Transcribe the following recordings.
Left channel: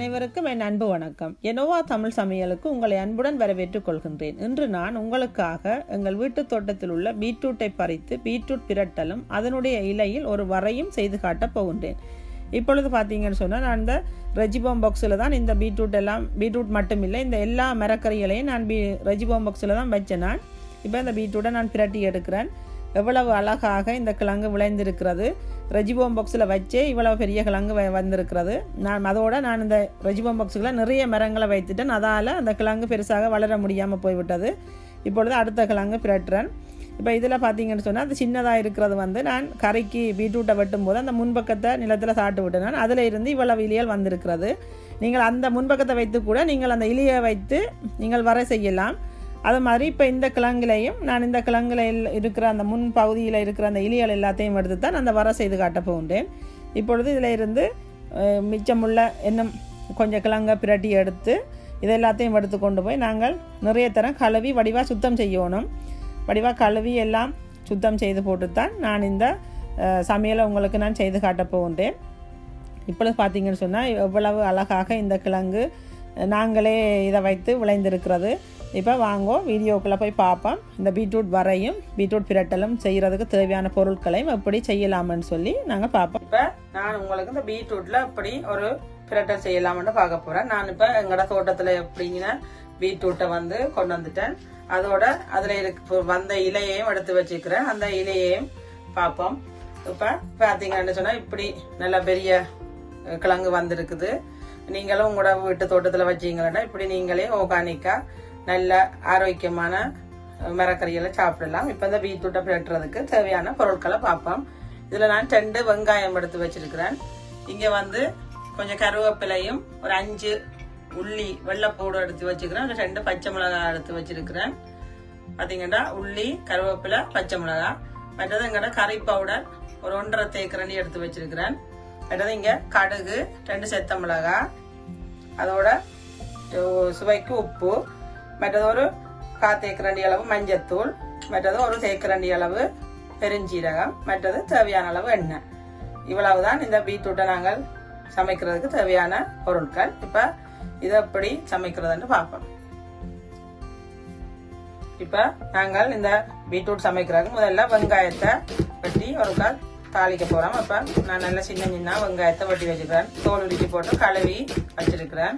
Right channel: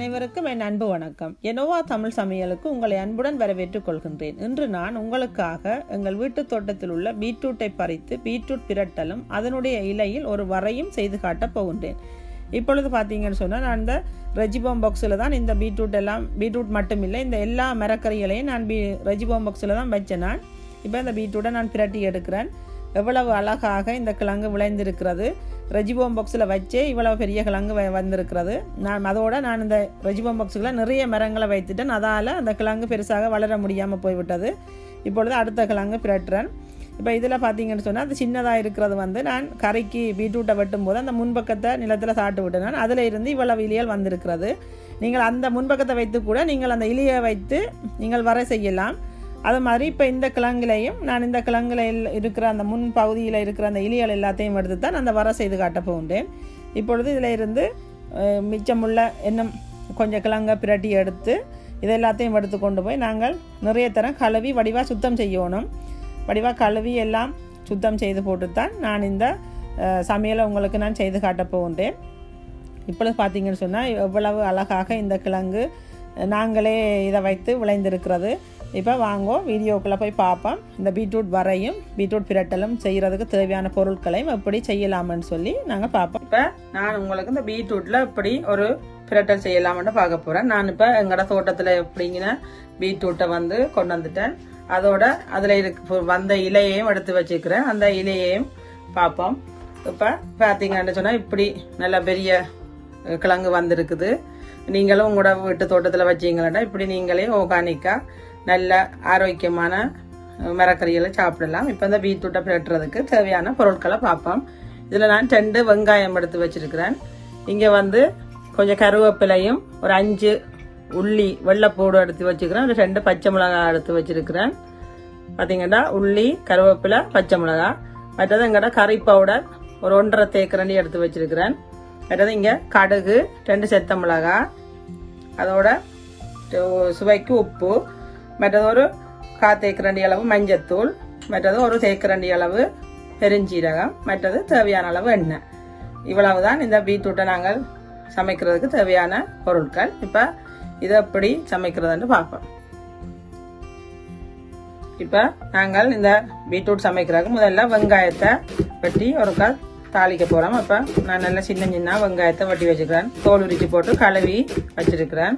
அனைவருக்கும் என் அன்பு வணக்கம். எனோவா தமிழ் சமையலுக்கு உங்களை அன்புடன் வரவேற்றுக் கொள்கின்றேன். இன்று நான் உங்களுக்காக எங்கள் வீட்டு தோட்டத்தில் உள்ள பீட்ரூட்டை பறித்து பீட்ரூட் பிரட்டலும் அதனுடைய இலையில் ஒரு வரையும் செய்து காட்டப் போகின்றேன். இப்பொழுது பார்த்தீங்கன்னு சொன்னால் நான் இந்த ரெஜிபோம் பாக்ஸில் தான் இந்த பீட்ரூட் மட்டும் இல்லை, இந்த எல்லா மரக்கறிகளையும் நான் ரெஜிபோம் பாக்ஸில் தான் வச்சேன். நான் இப்போ இந்த பீட்ரூட்டை நான் பிரட்டி எடுக்கிறேன். எவ்வளவு அழகாக இந்த கிழங்கு விளைந்திருக்கிறது. ரெஜிபோம் பாக்ஸில் வச்சே இவ்வளவு பெரிய கிழங்கு வந்திருக்கிறது. நான் இந்த ரெஜிபோம் பாக்ஸுகளை நிறைய மரங்களை வைத்துட்டேன். அதால் அந்த கிழங்கு பெருசாக வளர முடியாமல் போய்விட்டது. இப்பொழுது அடுத்த கிழங்கு பிரட்டுறேன். இப்போ இதில் பார்த்தீங்கன்னு சொன்னால் அது சின்னதாக இருக்கிறது நான் கறிக்கு பீட்ரூட்டை வெட்டும் போது அந்த முன்பக்கத்தை நிலத்தில் சாட்டு விட்டேன். நான் அதில் இருந்து இவ்வளவு இலைகள் வந்திருக்கிறது. நீங்கள் அந்த முன்பக்கத்தை வைத்து கூட நீங்கள் அந்த இலையை வைத்து நீங்கள் வர செய்யலாம். அது மாதிரி இப்போ இந்த கிழங்குலையும் நான் இந்த கிழங்குல இருக்கிற அந்த முன் பகுதியில் இருக்கிற அந்த இலைகள் எல்லாத்தையும் எடுத்து தான் அந்த வர செய்து காட்ட போகின்றேன். இப்பொழுது இதில் இருந்து மிச்சமுள்ள இன்னும் கொஞ்சம் கிழங்கை பிரட்டி எடுத்து இதை எல்லாத்தையும் எடுத்து கொண்டு போய் நாங்கள் நிறைய தரம் கழுவி வடிவாக சுத்தம் செய்யணும். வடிவாக கழுவி எல்லாம் சுத்தம் செய்து போட்டு தான் நான் இந்த சமையலை உங்களுக்கு நான் செய்து காட்ட போகின்றேன். இப்பொழுது பார்த்தீங்கன்னு சொன்னால் எவ்வளவு அழகாக இந்த கிழங்கு நாங்களே இதை வைத்து விளைந்திருக்கிறது. இப்போ வாங்கோ வீடியோக்குள்ளே போய் பார்ப்போம். இந்த பீட்ரூட் வரையும் பீட்ரூட் பிரட்டலும் செய்கிறதுக்கு தேவையான பொருட்களையும் எப்படி செய்யலாம்னு சொல்லி நாங்கள் பார்ப்போம். இப்போ நான் உங்களுக்கு இந்த பீட்ரூட்டில் எப்படி ஒரு பிரட்டல் செய்யலாம்னு பார்க்க போகிறேன். நான் இப்போ எங்களோட தோட்டத்தில் எப்படிங்கிற பீட்ரூட்டை கொண்டு வந்துட்டேன். அதோட அதில் வந்த இலையையும் எடுத்து வச்சுக்கிறேன். அந்த இலையையும் பார்ப்போம். இப்போ பார்த்தீங்கன்னு சொன்னால் இப்படி நல்ல பெரிய கிழங்கு வந்திருக்குது. நீங்களும் உங்களோட வீட்டு தோட்டத்தில் வச்சீங்கன்னா இப்படி நீங்களே ஆர்கானிக்காக நல்ல ஆரோக்கியமான மரக்கறிகளை சாப்பிடலாம். இப்போ இந்த பீட்ரூட்டை பிரட்டுறதுக்கு தேவையான பொருட்களை பார்ப்போம். இதில் நான் 2 வெங்காயம் எடுத்து வச்சிருக்கிறேன். இங்கே கொஞ்சம் கருவேப்பிலையும் ஒரு 5 உள்ளி வெள்ளைப்பூடு எடுத்து வச்சுக்கிறேன். ஒரு 2 பச்சை மிளகாய் எடுத்து வச்சிருக்கிறேன். பார்த்தீங்கன்னா உள்ளி, கருவேப்பிலை, பச்சை மிளகாய். மற்றது எங்கட கறி பவுடர் ஒரு 1.5 தேக்கரண்டி எடுத்து வச்சிருக்கிறேன். மற்றது இங்கே கடுகு 2 செத்த மிளகாய், அதோட சுவைக்கு உப்பு, மற்றது ஒரு 1/4 தேக்கரண்டி அளவு மஞ்சத்தூள், மற்றது ஒரு தேக்கரண்டி அளவு பெருஞ்சீரகம், மற்றது தேவையான அளவு எண்ணெய். இவ்வளவுதான் இந்த பீட்ரூட்டை நாங்கள் சமைக்கிறதுக்கு தேவையான பொருட்கள். இப்ப இதை எப்படி சமைக்கிறதுன்னு பார்ப்போம். இப்ப நாங்கள் இந்த பீட்ரூட் சமைக்கிறதுக்கு முதல்ல வெங்காயத்தை வெட்டி ஒரு தாளிக்க போறோம். அப்ப நான் நல்லா சின்ன வெங்காயத்தை வெட்டி வச்சுக்கிறேன். தோல் உரிச்சு போட்டு கழுவி வச்சிருக்கிறேன்.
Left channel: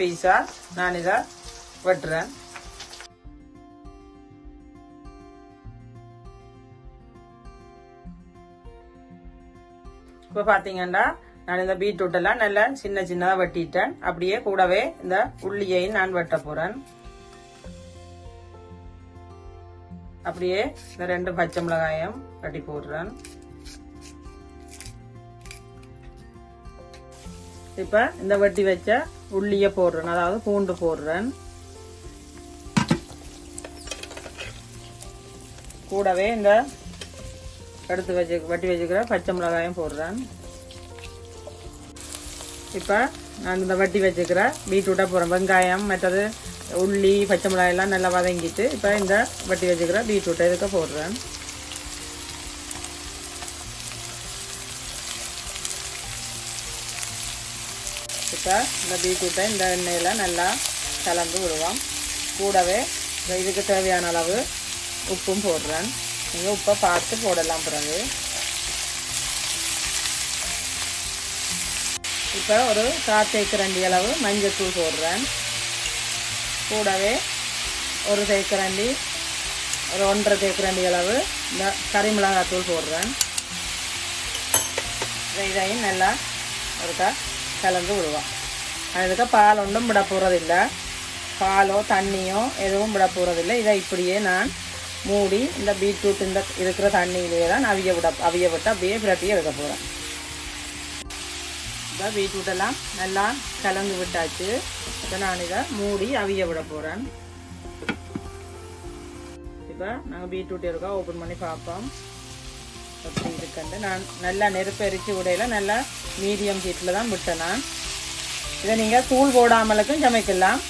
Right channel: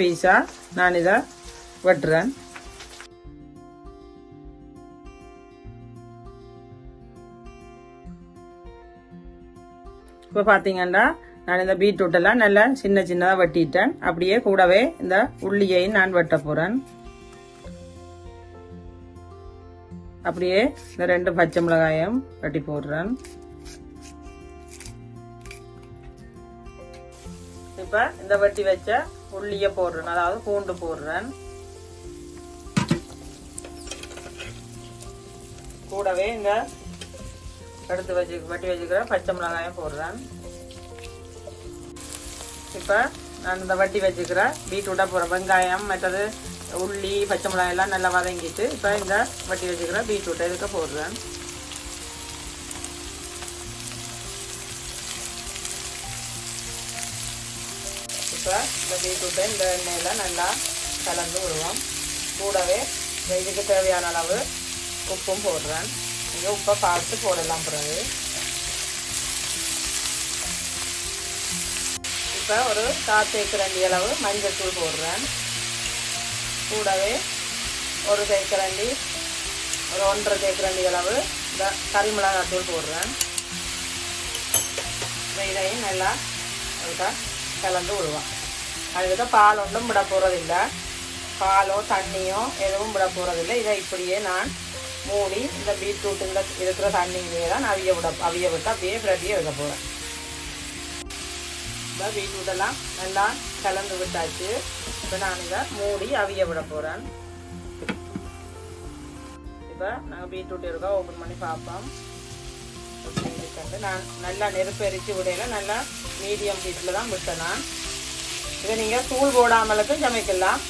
பீஸா நான் இதை வெட்டுறேன். இப்ப பாத்தீங்கன்னா நான் இந்த பீட்ரூட் எல்லாம் நல்லா சின்ன சின்னதா வெட்டிட்டேன். அப்படியே கூடவே இந்த உள்ளியையும் நான் வெட்ட போறேன். அப்படியே இந்த 2 பச்சை மிளகாயும் வெட்டி போடுறேன். இப்ப இந்த வெட்டி வச்ச உள்ளிய போடுறேன், அதாவது பூண்டு போடுறேன். கூடவே இந்த எடுத்து வெட்டி வச்சுக்கிற பச்சை மிளகாயும் போடுறேன். இப்ப நான் இந்த வெட்டி வச்சுக்கிற பீட்ரூட்டா போடுறேன். வெங்காயம் மற்றது உள்ளி பச்சை மிளகாய் எல்லாம் நல்லா வதங்கிட்டு இப்ப இந்த வெட்டி வச்சுக்கிற பீட்ரூட்டை இதுக்கு போடுறேன். இப்ப இந்த பீட்ரூட்டை இந்த எண்ணெயில நல்லா கலந்து விடுவோம். கூடவே இதுக்கு தேவையான அளவு உப்பும் போடுறேன். உப்பை பார்த்து போடலாம். பிறகு இப்ப ஒரு 4 தேக்கரண்டி அளவு மஞ்சத்தூள் போடுறேன். கூடவே ஒரு தேக்கரண்டி, ஒரு 1.5 தேக்கரண்டி அளவு இந்த கறிமிளகாத்தூள் போடுறேன். இதையும் நல்லா கலந்து விடுவோம். அதுக்கு பால் ஒன்றும் விட போறதில்லை, பாலோ தண்ணியோ எதுவும் விட போறதில்லை. இதை இப்படியே நான் மூடி இந்த பீட்ரூட் இந்த இருக்கிற தண்ணியிலேயே தான் அவிய விட்டு அப்படியே விளட்டியே எடுக்க போறேன். இந்த பீட்ரூட் எல்லாம் நல்லா கலந்து விட்டாச்சு. இதை நான் இதை மூடி அவிய விட போறேன். இப்ப நாங்கள் பீட்ரூட் இருக்கா ஓப்பன் பண்ணி பார்ப்போம். நான் நல்லா நெருப்பு எரிச்சு விடையில நல்லா மீடியம் ஹீட்ல தான் விட்டேன். நான் இதை நீங்க தூள் போடாமலுக்கும் சமைக்கலாம்.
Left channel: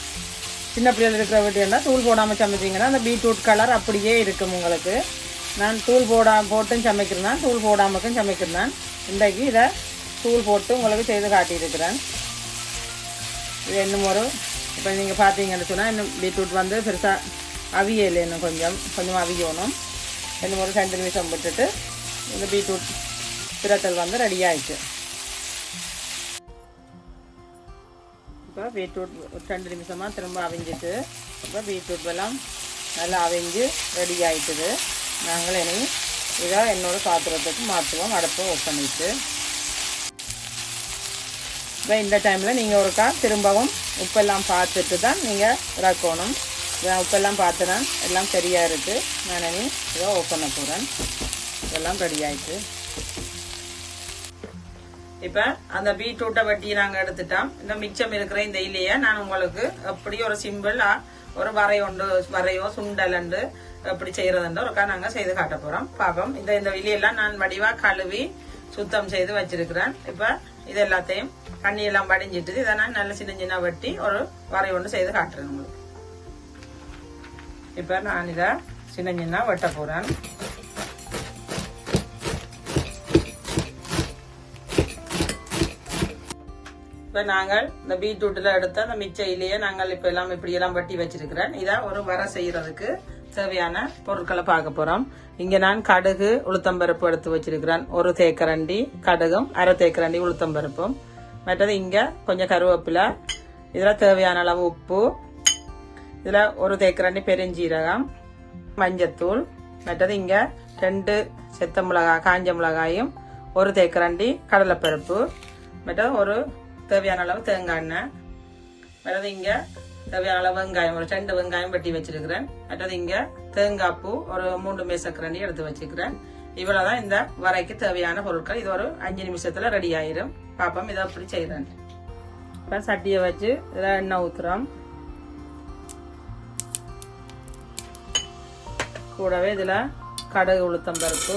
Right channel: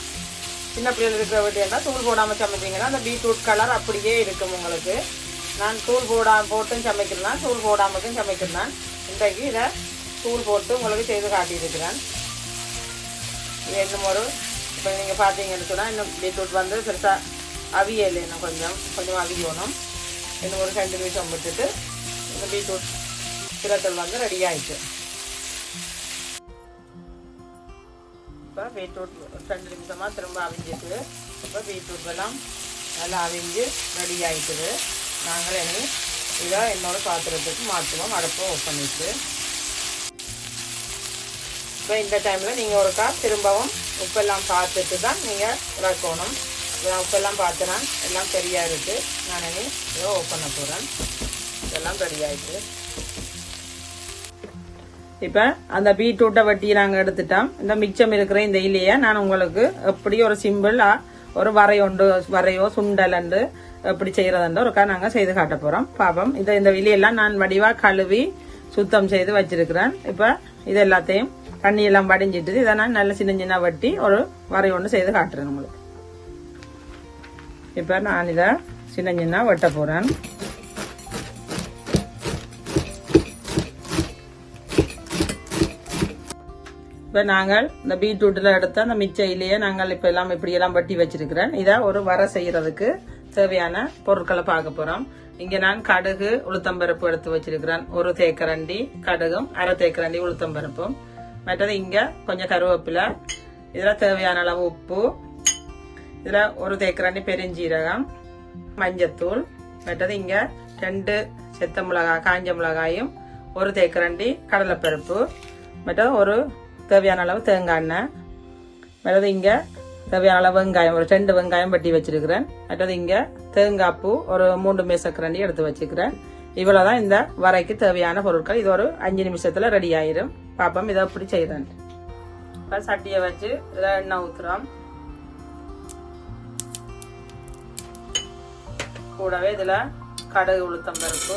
சின்ன பிள்ளைகள் இருக்கிற வீட்டு தூள் போடாமல் சமைச்சிங்கன்னா அந்த பீட்ரூட் கலர் அப்படியே இருக்கும் உங்களுக்கு. நான் தூள் போட்டும் சமைக்கிறேன், தூள் போடாமலும் சமைக்கிறேன். இன்றைக்கு இதை தூள் போட்டு உங்களுக்கு செய்து காட்டியிருக்கிறேன். இது இன்னும் ஒரு இப்போ நீங்கள் பார்த்தீங்கன்னு சொன்னால் இன்னும் பீட்ரூட் வந்து பெருசாக அவியலை இன்னும் கொஞ்சம் அவியணும். இன்னும் ஒரு 2 நிமிஷம் விட்டுட்டு இந்த பீட்ரூட் பிரட்டல் வந்து ரெடி ஆயிடுச்சு. இப்போ பீட்ரூட் 2 நிமிஷமா திரும்ப அவிஞ்சிட்டு இப்போ பீட்ரூட் எல்லாம் நல்லா அவிஞ்சு ரெடி ஆயிட்டுது. நாங்கள் இனி இதை இன்னொரு பாத்திரத்துக்கு மாற்றுவோம். அடுப்பு ஓப்பன் பண்ணிட்டு இப்போ இந்த டைமில் நீங்கள் ஒருக்கா திரும்பவும் உப்பெல்லாம் பார்த்துட்டு தான் நீங்கள் இறக்கணும். உப்பெல்லாம் பார்த்துதான் எல்லாம் சரியாக இருக்குது. நான் இனி இதை ஓப்பன் பண்ண போகிறேன். இதெல்லாம் ரெடி ஆயிட்டு இப்ப அந்த பீட்ரூட்டை வட்டி நாங்க எடுத்துட்டோம். இந்த மிச்சம் இருக்கிற இந்த இலைய நான் உங்களுக்கு எப்படி ஒரு சிம்பிளா ஒரு வரையோ சுண்டல் எப்படி செய்யறதுன்னு ஒருக்கா நாங்க செய்து காட்ட போறோம். பாப்போம். இந்த இலையெல்லாம் நான் வடிவா கழுவி சுத்தம் செய்து வச்சிருக்கிறேன். இப்ப இது எல்லாத்தையும் தண்ணி எல்லாம் வடிஞ்சிட்டு இதை நான் நல்ல சின்ன சின்ன வட்டி ஒரு வரை ஒன்று செய்து காட்டுறேன் உங்களுக்கு. இப்ப நான் இதை சின்ன சின்ன வெட்ட போறேன். இப்ப நாங்கள் இந்த பீட்ரூட்ல எடுத்த அந்த மிச்ச இலையை நாங்கள் இப்ப எல்லாம் இப்படி எல்லாம் வட்டி வச்சிருக்கிறேன். இதை ஒரு வரை செய்யறதுக்கு தேவையான பொருட்களை பார்க்க போறோம். இங்க நான் கடுகு உளுத்தம்பருப்பு எடுத்து வச்சிருக்கிறேன். 1 தேக்கரண்டி கடுகும் 1/2 தேக்கரண்டி உளுத்தம்பருப்பும். மற்றது இங்க கொஞ்சம் கருவேப்பிலை, இதுல தேவையான அளவு உப்பு, இதுல 1 தேக்கரண்டி பெருஞ்சீரகம், மஞ்சத்தூள், மற்றது இங்க 2 செத்த மிளகாய் காஞ்ச மிளகாயும் 1 தேக்கரண்டி கடலைப்பருப்பு, மற்றது ஒரு தேவையான அளவு தேங்காய் எண்ணெய், மற்றது இங்க தேவையான அளவு வெங்காயம் ஒரு 2 வெங்காயம் வெட்டி வச்சிருக்கிறேன். மற்றது இங்க தேங்காய் பூ ஒரு 3 மேசக்கரண்டி எடுத்து வச்சுக்கிறேன். இவ்வளவுதான் இந்த வரைக்கு தேவையான பொருட்கள். இது ஒரு 5 நிமிஷத்துல ரெடி ஆயிரும். பாப்போம் இதை எப்படி செய்யறேன். சட்டியை வச்சு இதுல எண்ணெய் ஊத்துறோம். கூடவே இதுல கடுகு உளுத்தம்பருப்பு,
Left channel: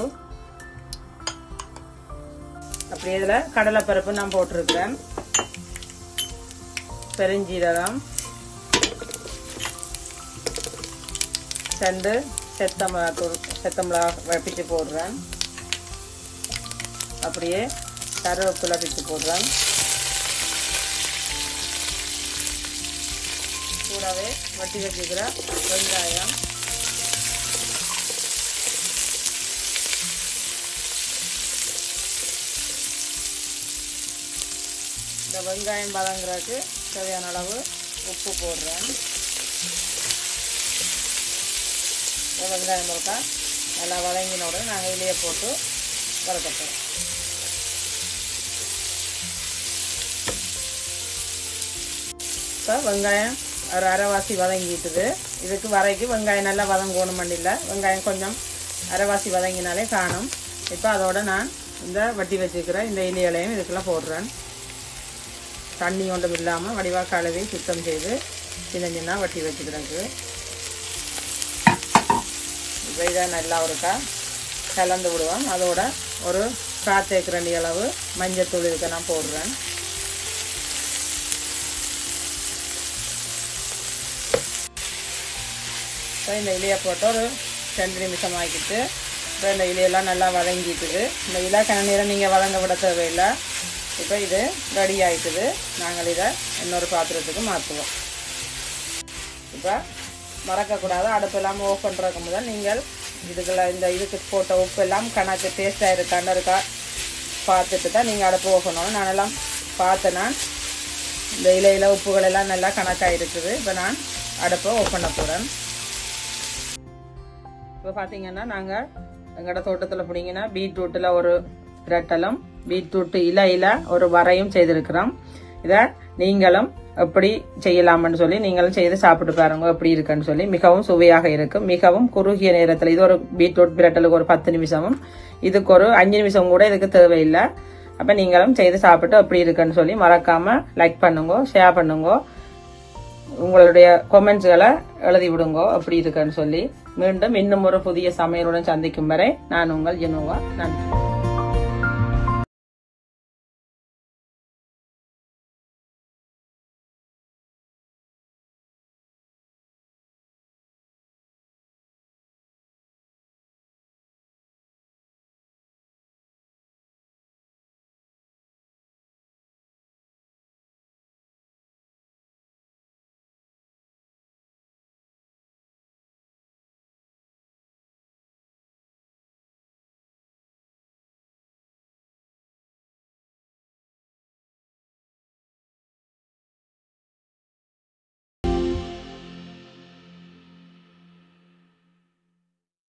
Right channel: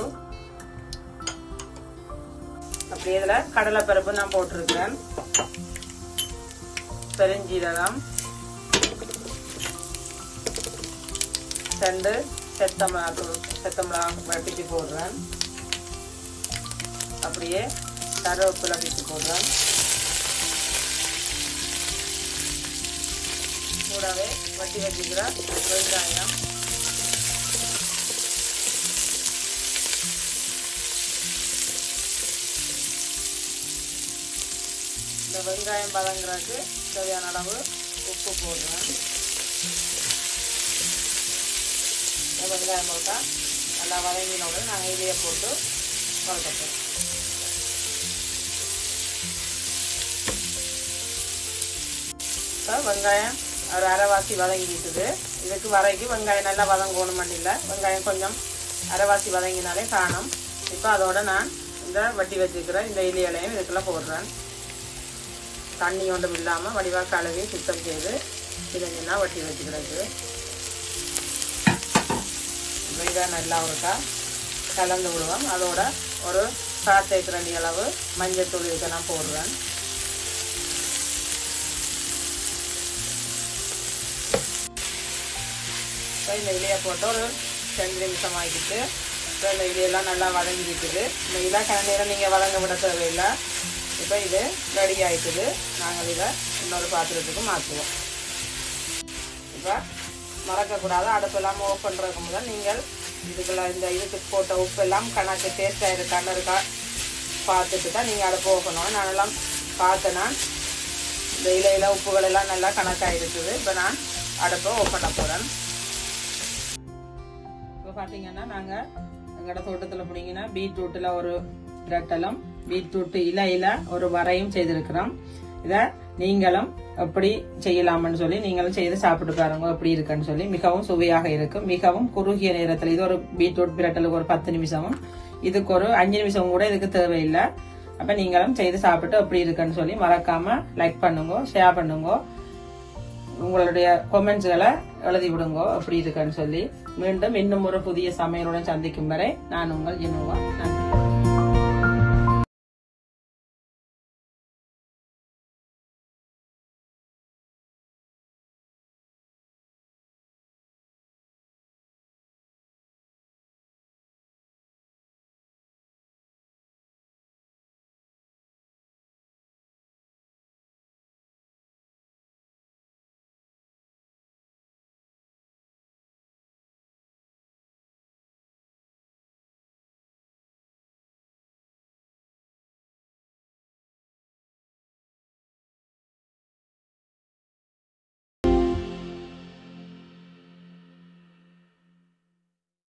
அப்படியே இதுல கடலை பருப்பு நான் போட்டிருக்கிறேன். பெருஞ்சீரகம், 2 செத்த மிளகாய் வட்டிட்டு போடுறேன். அப்படியே கருவேப்பிலை பிச்சு போடுறேன். கூடவே வட்டி வச்சுக்கிறேன் வெங்காயம், இந்த வெங்காயம் வதங்குறதுக்கு தேவையான அளவு உப்பு போடுறேன். வெங்காயம் இருக்கா நல்லா வதங்கினோட நாங்கள் இலையை போட்டு வதக்கணும். வெங்காயம் ஒரு அரைவாசி வதங்கிட்டுது. இதுக்கு வரைக்கும் வெங்காயம் நல்லா வதங்கணும் பண்ணில்லை. வெங்காயம் கொஞ்சம் அரைவாசி வதங்கினாலே காணும். இப்போ அதோட நான் இந்த வட்டி வச்சுக்கிறேன் இந்த இலைகளையும் இதுக்குள்ள போடுறேன். தண்ணி ஒன்றும் இல்லாமல் வடிவாக கழுவி சுத்தம் செய்து சின்ன வட்டி வச்சுக்கிறது. இப்போ இதை நல்லா ஒருக்கா கலந்து விடுவோம். அதோட ஒரு காய்ச்சேக்கிற அளவு மஞ்சத்தூள் இதுக்கெல்லாம் போடுறேன். இந்த இலையை போட்டு ஒரு 2 நிமிஷம் ஆகிட்டு இந்த இலையெல்லாம் நல்லா வதங்கிட்டுது. இந்த இலை நேரம் நீங்கள் வதங்க விட தேவையில்லை. இப்போ இது ரெடி ஆகிட்டுது. நாங்கள் இதை இன்னொரு பாத்திரத்துக்கு மாற்றுவோம். இப்போ மறக்கக்கூடாது. அடுப்பெல்லாம் ஆஃப் பண்ணுறதுக்கு முதல் நீங்கள் இதுக்கு போட்ட உப்பு எல்லாம் கணக்கு டேஸ்டாக இருக்கான்னு இருக்கா பார்த்துட்டு தான் நீங்கள் அடுப்பு போகணும். நானெல்லாம் பார்த்தேன்னா இந்த இலையில் உப்புகள் எல்லாம் நல்லா கணக்காக இருக்குது. இப்போ நான் அடுப்பை ஆஃப் பண்ண போகிறேன். இப்போ பார்த்தீங்கன்னா நாங்கள் எங்களோட தோட்டத்தில் பிடிங்கன்னா பீட்ரூட்டில் ஒரு பிரட்டலும் பீட்ரூட் இலையில ஒரு வரையும் செய்திருக்கிறோம். இதை நீங்களும் எப்படி செய்யலாம்னு சொல்லி நீங்களும் செய்து சாப்பிட்டு பாருங்க எப்படி இருக்குன்னு சொல்லி. மிகவும் சுவையாக இருக்கும். மிகவும் குறுகிய நேரத்தில் இது ஒரு பீட்ரூட் பிரட்டலுக்கு ஒரு 10 நிமிஷமும் இதுக்கு ஒரு 5 நிமிஷம் கூட இதுக்கு தேவையில்லை. அப்போ நீங்களும் செய்து சாப்பிட்டு எப்படி இருக்குன்னு சொல்லி மறக்காம லைக் பண்ணுங்க, ஷேர் பண்ணுங்க, உங்களுடைய கமெண்ட்ஸ்களை எழுதி விடுங்க எப்படி இருக்குன்னு சொல்லி. மீண்டும் இன்னும் ஒரு புதிய சமையலுடன் சந்திக்கும் வரை நான் உங்கள் ஜெனோவா. நன்றி.